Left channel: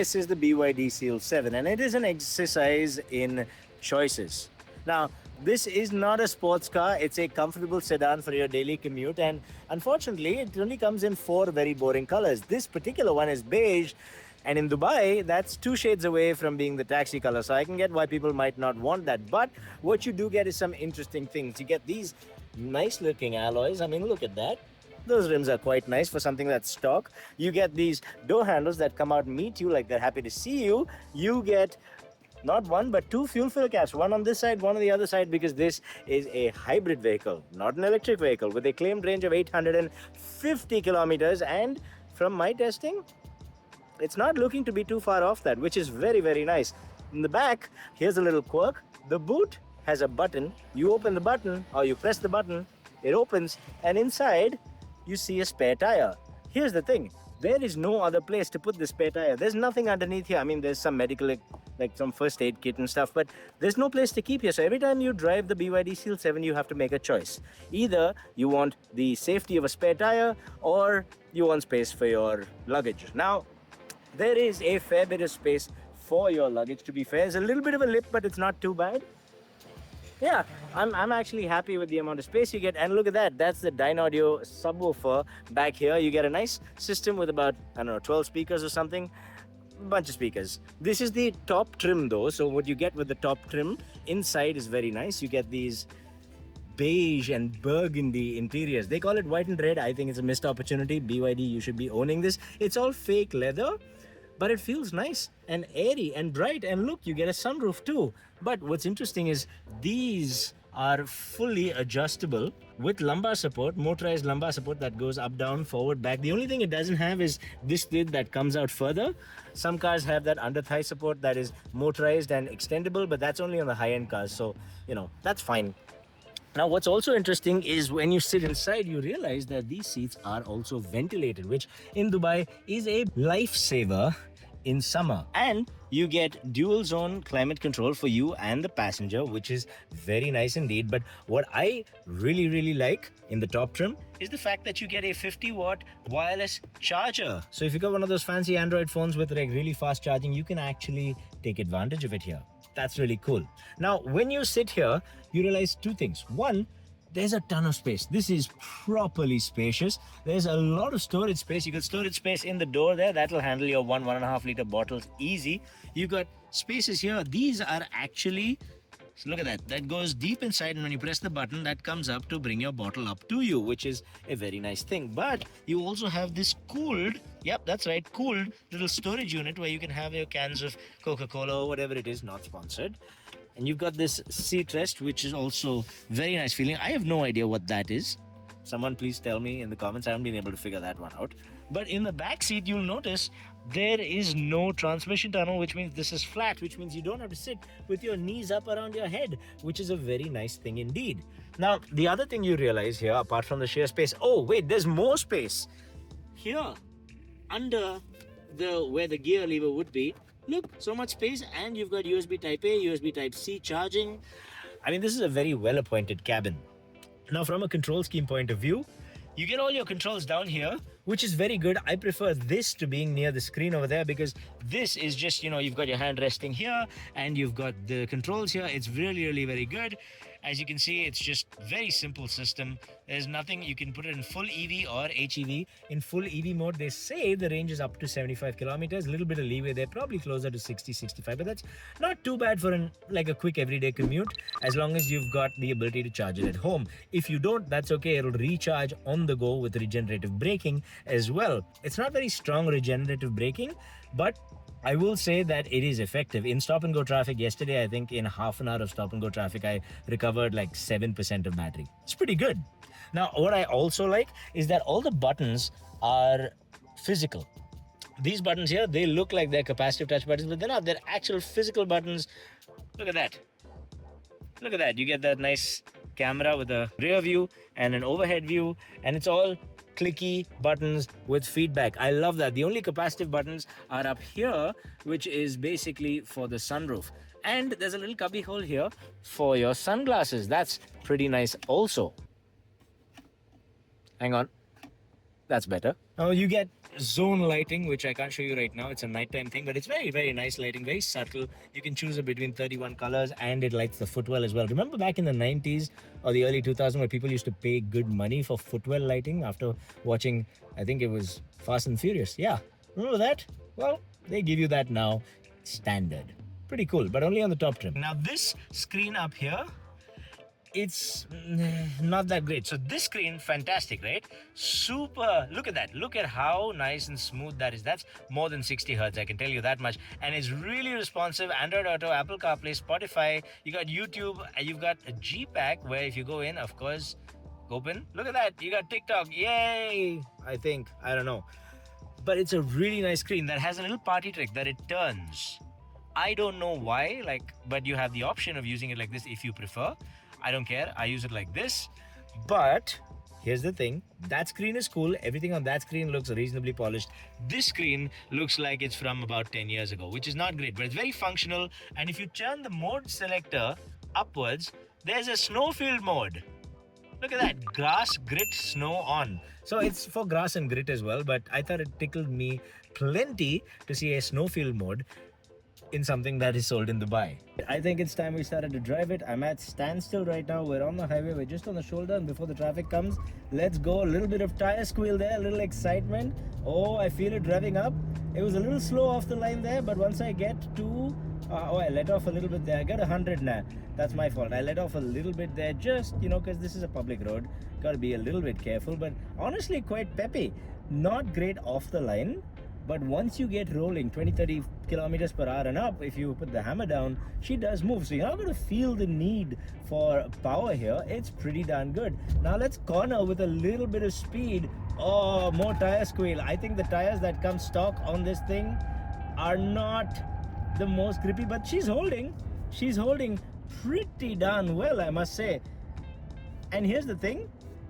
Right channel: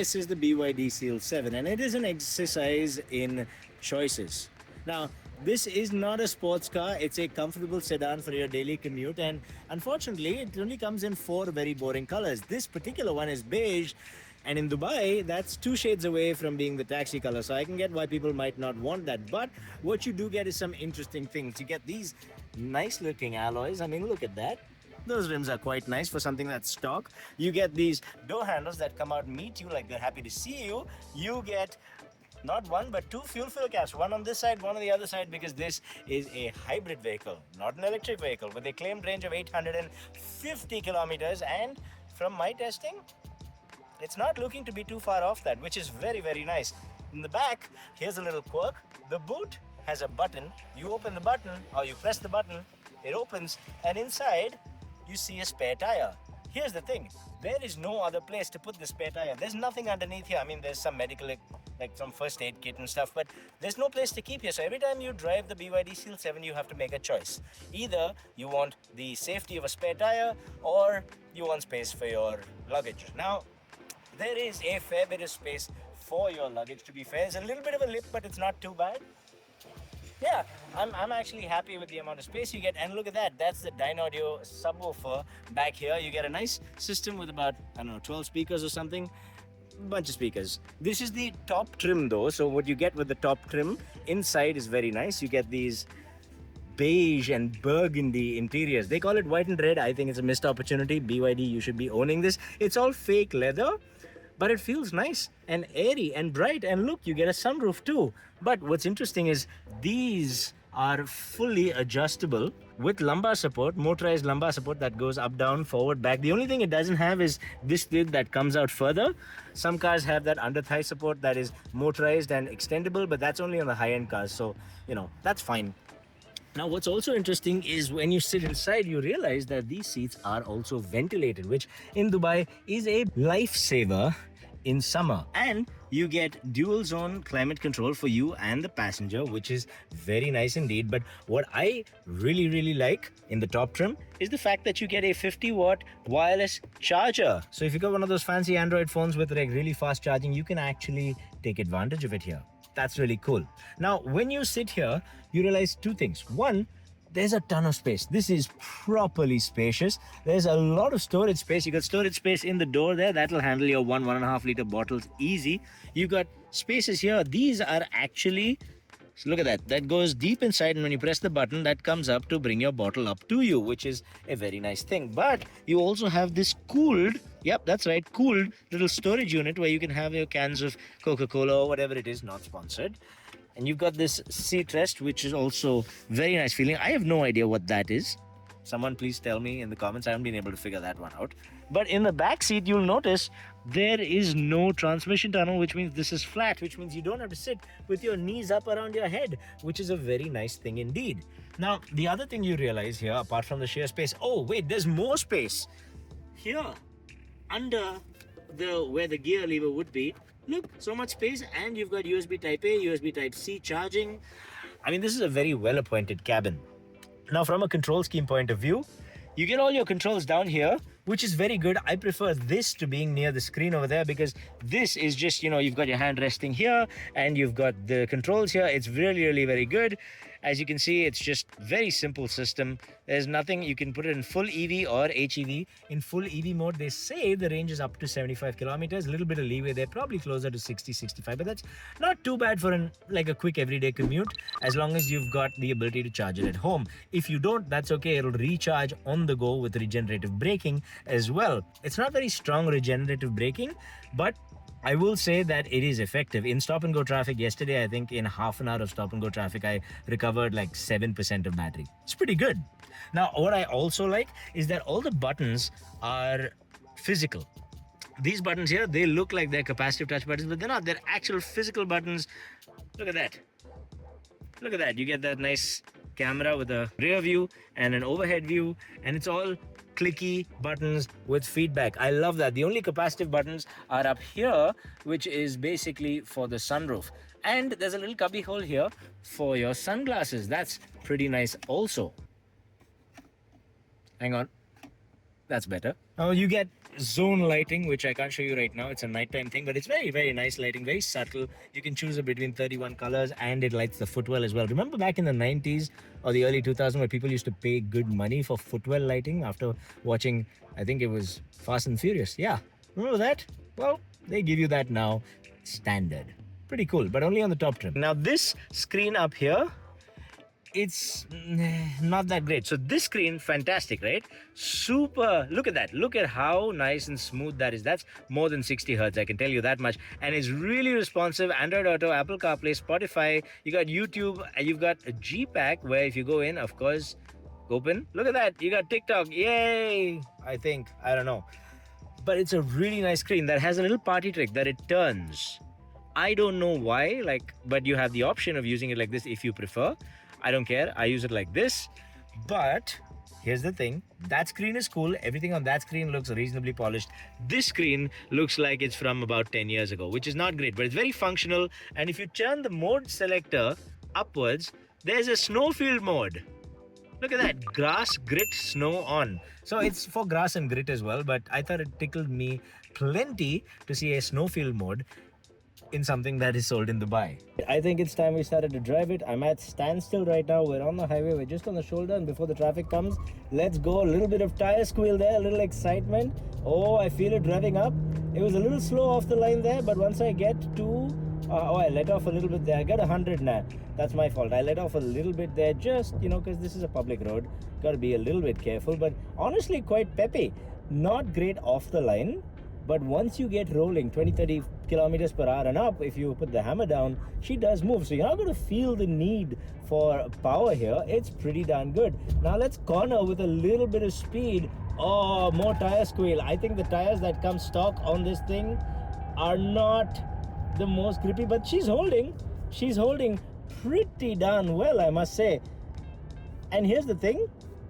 This is the Byd Seal 7 and it is an exercise in choices. Now, this is not a sports car, it's a comfortable sedan for your daily commute, and unfortunately, it only comes in four very boring colors. This particular one is beige, and in Dubai, that's two shades away from being the taxi color, so I can get why people might not want that. But what you do get is some interesting things. You get these nice looking alloys. I mean, look at that. Those rims are quite nice for something that's stock. You get these door handles that come out and meet you like they're happy to see you. You get not one but two fuel fill caps, one on this side, one on the other side, because this is a hybrid vehicle, not an electric vehicle, with a claimed range of 850 kilometers. And from my testing, it's not looking to be too far off that, which is very, very nice. In the back, here's a little quirk. The boot has a button. You open the button or you press the button, it opens, and inside you see a spare tire. Here's the thing, there is no other place to put the spare tire. There's nothing underneath here. I mean, there's some medical, like some first aid kit and stuff, but there's no place to keep here. So every time you drive the Byd Seal 7, you have to make a choice. Either you want the safety of a spare tire or you want space for your luggage. Now, there is a fair bit of space for your luggage, to be fair. There's a little bit of a lip, but it's not too bad. Yeah, I'm actually happy with the amount of space you get. And look at that, that's the Dynaudio subwoofer back here. You get a nice system with about, I don't know, 12 speakers or something. Bunch of speakers. This is the top trim though, so what you get with the top trim inside is very nice. You get these beige and burgundy interiors. They call it white and red. I think it's a missed opportunity. BYD, you should be owning this. It's all fake leather, but it feels nice and airy and bright. And look, you get a sunroof too. But what's interesting is these are fully adjustable with lumbar support, motorized lumbar support that goes up, down, forward, back. The only thing it doesn't have is this width that comes out further. Some cars have that under thigh support that is motorized and extendable, but that's only on the high-end cars. So, you know, that's fine. Now, what's also interesting is when you sit inside, you realize that these seats are also ventilated, which in Dubai is a lifesaver in summer. And you get dual zone climate control for you and the passenger, which is very nice indeed. But what I really like in the top trim is the fact that you get a 50-watt wireless charger. So if you got one of those fancy Android phones with like really fast charging, you can actually take advantage of it here. That's really cool. Now, when you sit here, you realize two things. One, there's a ton of space. This is properly spacious. There's a lot of storage space. You got storage space in the door there. That'll handle your 1.5 liter bottles easy. You got spaces here. These are actually, so look at that. That goes deep inside, and when you press the button, that comes up to bring your bottle up to you, which is a very nice thing. But you also have this cooled, yep, that's right, cooled little storage unit where you can have your cans of Coca-Cola or whatever it is, not sponsored. And you've got this seat rest, which is also very nice feeling. I have no idea what that is. Someone please tell me in the comments. I haven't been able to figure that one out. But in the back seat, you'll notice there is no transmission tunnel, which means this is flat, which means you don't have to sit with your knees up around your head, which is a very nice thing indeed. Now, the other thing you realize here, apart from the sheer space, oh wait, there's more space. Here, under where the gear lever would be, look, so much space, and you've got USB Type A, USB Type C charging. I mean, this is a very well-appointed cabin. Now, from a control scheme point of view, you get all your controls down here, which is very good. I prefer this to being near the screen over there, because this is just, you know, you've got your hand resting here and you've got the controls here. It's really very good. As you can see, it's just very simple system. There's nothing, you can put it in full EV or HEV. In full EV mode, they say the range is up to 75 kilometers, a little bit of leeway there, probably closer to 60, 65, but that's not too bad for like a quick everyday commute, as long as you've got the ability to charge it at home. If you don't, that's okay. It'll recharge on the go with regenerative braking as well. It's not very strong regenerative braking, but I will say that it is effective. In stop and go traffic yesterday, I think in half an hour of stop and go traffic, I recovered like 7% of battery. It's pretty good. Now, what I also like is that all the buttons are physical. These buttons here, they look like they're capacitive touch buttons, but they're not. They're actual physical buttons. Look at that. Look at that. You get that nice camera with a rear view and an overhead view, and it's all clicky buttons with feedback. I love that. The only capacitive buttons are up here, which is basically for the sunroof. And there's a little cubby hole here for your sunglasses. That's pretty nice also. Hang on. That's better. Now you get zone lighting, which I can't show you right now. It's a nighttime thing, but it's very, very nice lighting, very subtle. You can choose between 31 colors and it lights the footwell as well. Remember back in the 90s or the early 2000s where people used to pay good money for footwell lighting after watching, I think it was Fast and Furious. Yeah. Remember that? Well, they give you that now standard. Pretty cool, but only on the top trim. Now this screen up here, it's not that great. So this screen, fantastic, right? Super. Look at that. Look at how nice and smooth that is. That's more than 60 hertz, I can tell you that much. And it's really responsive. Android Auto, Apple CarPlay, Spotify. You got YouTube, and you've got a G Pack where if you go in, of course, open. Look at that. You got TikTok. Yay! I think. I don't know. But it's a really nice screen that has a little party trick that it turns. I don't know why, but you have the option of using it like this if you prefer. I don't care. I use it like this. But here's the thing. That screen is cool. Everything on that screen looks reasonably polished. This screen looks like it's from about 10 years ago, which is not great, but it's very functional. And if you turn the mode selector upwards, there's a snowfield mode. Look at that. Grass, grit, snow on. So it's for grass and grit as well, but I thought it tickled me plenty to see a snowfield mode in something that is sold in Dubai. I think it's time we started to drive it. I'm at standstill right now. We're on the highway. We're just on the shoulder, and before the traffic comes, let's go. A little bit of tire squeal there, a little excitement. Oh, I feel it revving up. It was a little slow off the line there, but once I get to I let off a little bit there. I got 100 now. That's my fault. I let off a little bit there, just because this is a public road. Got to be a little bit careful, but honestly quite peppy. Not great off the line, but once you get rolling 20-30 kilometers per hour and up, if you put the hammer down, she does move. So you're not going to feel the need for power here. It's pretty darn good. Now let's corner with a little bit of speed. Oh, more tire squeal. I think the tires that come stock on this thing are not the most grippy, but she's holding pretty darn well, I must say. And here's the thing,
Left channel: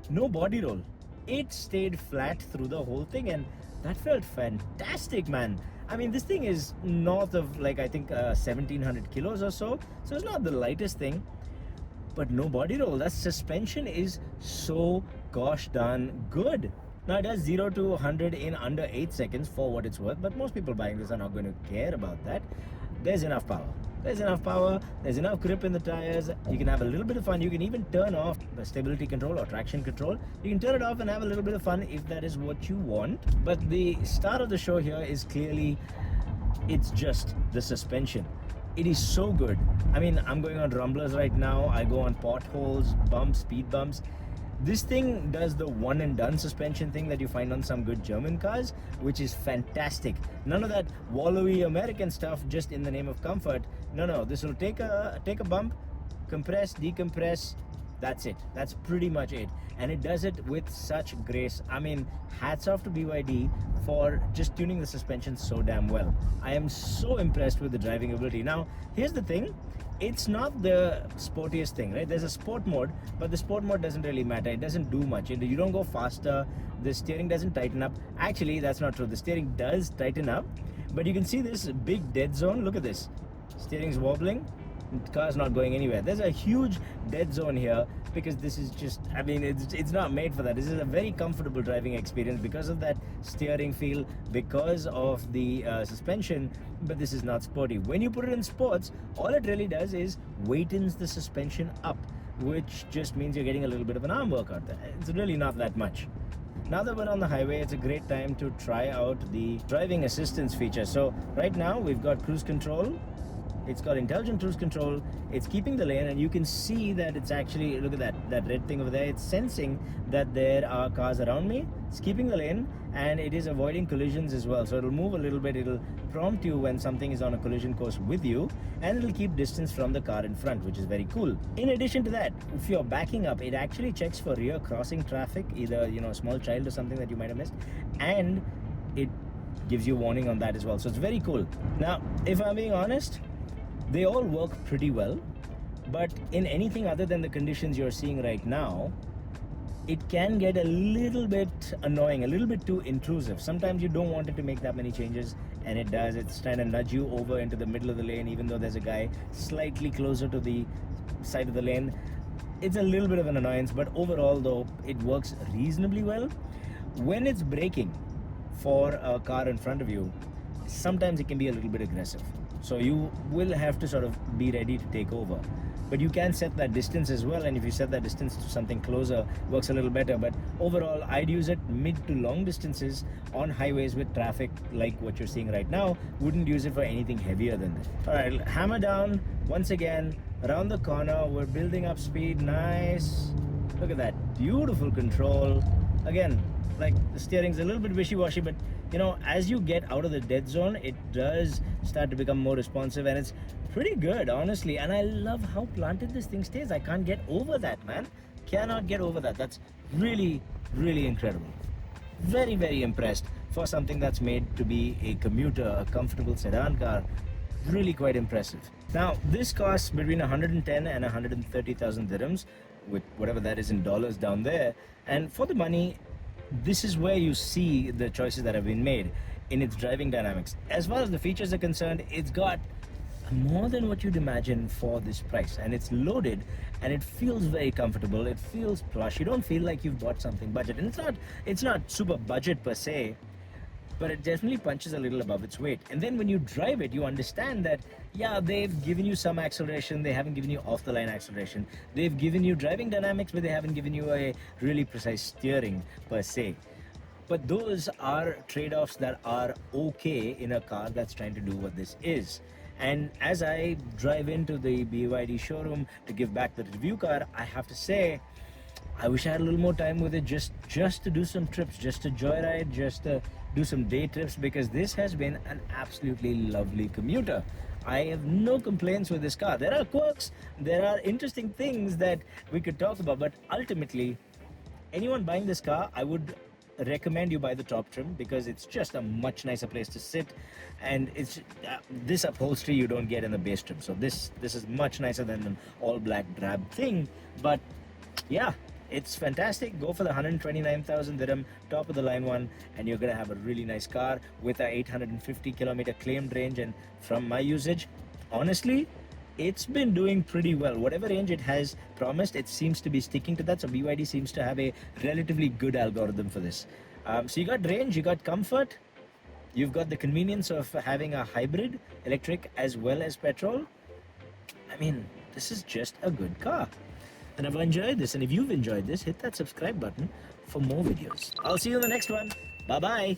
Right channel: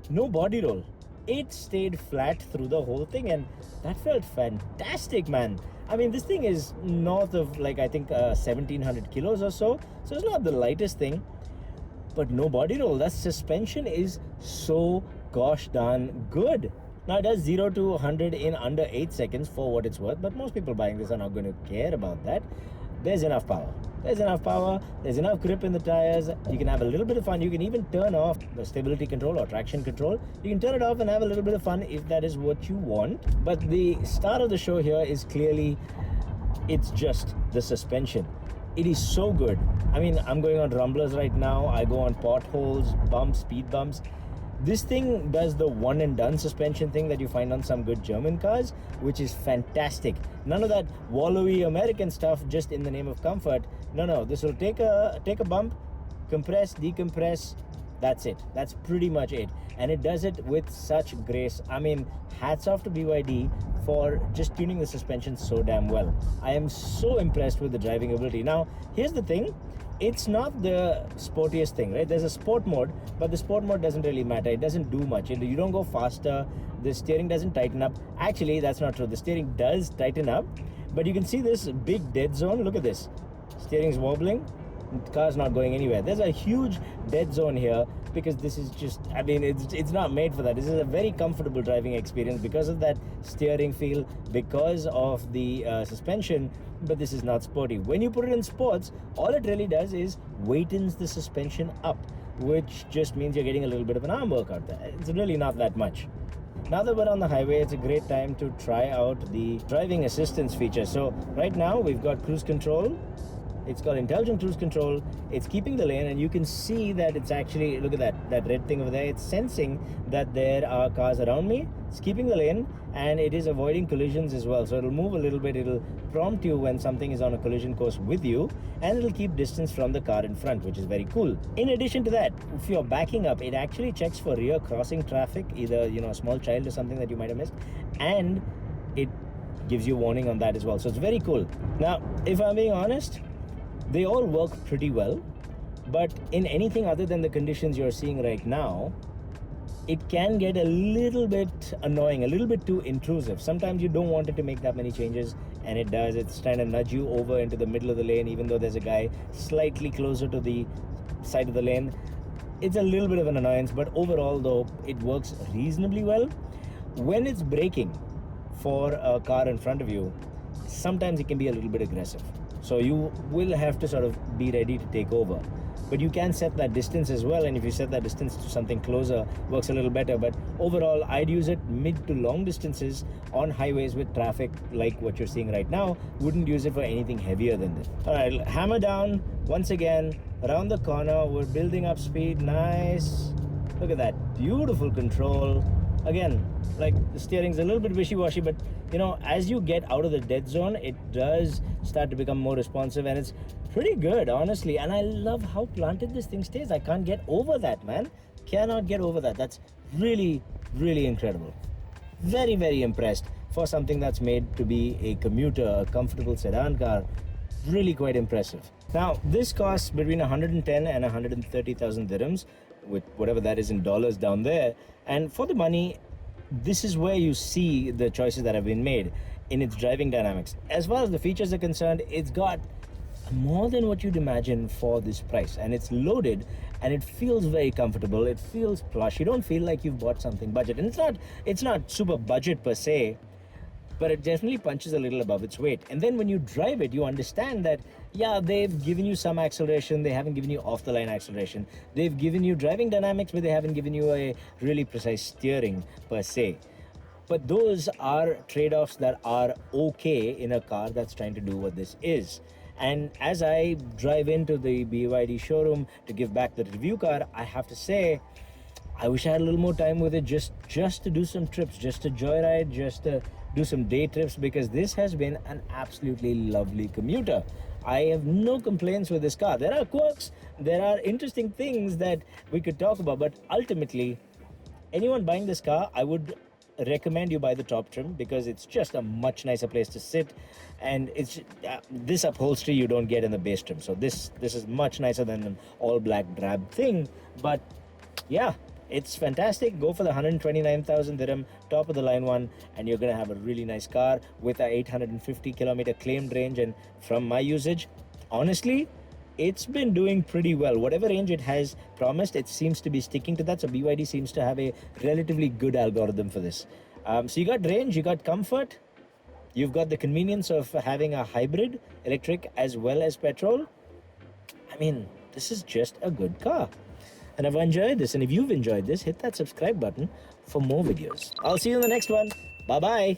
no body roll. It stayed flat through the whole thing, and that felt fantastic, man. I mean, this thing is north of I think 1700 kilos or so it's not the lightest thing, but no body roll. That suspension is so gosh darn good. Now it does 0 to 100 in under 8 seconds for what it's worth, but most people buying this are not going to care about that. There's enough power. There's enough grip in the tires. You can have a little bit of fun. You can even turn off the stability control or traction control. You can turn it off and have a little bit of fun if that is what you want. But the star of the show here is clearly, it's just the suspension. It is so good. I mean, I'm going on rumblers right now. I go on potholes, bumps, speed bumps. This thing does the one and done suspension thing that you find on some good German cars, which is fantastic. None of that wallowy American stuff just in the name of comfort. No, this will take a bump, compress, decompress. That's it. That's pretty much it. And it does it with such grace. I mean, hats off to BYD for just tuning the suspension so damn well. I am so impressed with the driving ability. Now, here's the thing. It's not the sportiest thing, right? There's a sport mode, but the sport mode doesn't really matter. It doesn't do much. You don't go faster. The steering doesn't tighten up. Actually, that's not true. The steering does tighten up, but you can see this big dead zone. Look at this. Steering's wobbling. The car's not going anywhere. There's a huge dead zone here because this is just, I mean, it's not made for that. This is a very comfortable driving experience because of that steering feel, because of the suspension, but this is not sporty. When you put it in sports, all it really does is weightens the suspension up, which just means you're getting a little bit of an arm workout there. It's really not that much. Now that we're on the highway, it's a great time to try out the driving assistance feature. So right now we've got cruise control. It's called intelligent cruise control. It's keeping the lane, and you can see that it's actually, look at that red thing over there. It's sensing that there are cars around me. It's keeping the lane, and it is avoiding collisions as well. So it'll move a little bit. It'll prompt you when something is on a collision course with you, and it'll keep distance from the car in front, which is very cool. In addition to that, if you're backing up, it actually checks for rear crossing traffic, either a small child or something that you might have missed, and it gives you warning on that as well. So it's very cool. Now, if I'm being honest, they all work pretty well, but in anything other than the conditions you're seeing right now, it can get a little bit annoying, a little bit too intrusive. Sometimes you don't want it to make that many changes, and it does. It's trying to nudge you over into the middle of the lane, even though there's a guy slightly closer to the side of the lane. It's a little bit of an annoyance, but overall though, it works reasonably well. when it's braking for a car in front of you, sometimes it can be a little bit aggressive. So you will have to sort of be ready to take over. But you can set that distance as well, and if you set that distance to something closer, works a little better. But overall, I'd use it mid to long distances on highways with traffic like what you're seeing right now. Wouldn't use it for anything heavier than this. All right, hammer down once again, around the corner. We're building up speed. Nice. Look at that, beautiful control. Again, like the steering's a little bit wishy-washy, but you know, as you get out of the dead zone, it does start to become more responsive, and it's pretty good, honestly. And I love how planted this thing stays. I can't get over that, man. Cannot get over that. That's really, really incredible. Very, very impressed for something that's made to be a commuter, a comfortable sedan car. Really quite impressive. Now, this costs between 110 and 130,000 dirhams, with whatever that is in dollars down there. And for the money, this is where you see the choices that have been made in its driving dynamics. As far as the features are concerned, it's got more than what you'd imagine for this price, and it's loaded, and it feels very comfortable. It feels plush. You don't feel like you've bought something budget, and it's not super budget per se, but it definitely punches a little above its weight. And then when you drive it, you understand that, yeah, they've given you some acceleration, they haven't given you off-the-line acceleration. They've given you driving dynamics, but they haven't given you a really precise steering per se. But those are trade-offs that are okay in a car that's trying to do what this is. And as I drive into the BYD showroom to give back the review car, I have to say, I wish I had a little more time with it just to do some trips, just to joyride, just to do some day trips, because this has been an absolutely lovely commuter. I have no complaints with this car. There are quirks, there are interesting things that we could talk about, but ultimately, anyone buying this car, I would recommend you buy the top trim, because it's just a much nicer place to sit, and it's this upholstery you don't get in the base trim. So this is much nicer than an all black drab thing. But yeah, it's fantastic. Go for the 129,000 dirham top of the line one, and you're gonna have a really nice car with a 850 kilometer claimed range. And from my usage, honestly, it's been doing pretty well. Whatever range it has promised, it seems to be sticking to that. So BYD seems to have a relatively good algorithm for this. So you got range, you got comfort, you've got the convenience of having a hybrid, electric as well as petrol. I mean, this is just a good car. And I've enjoyed this. And if you've enjoyed this, hit that subscribe button for more videos. I'll see you in the next one. Bye-bye.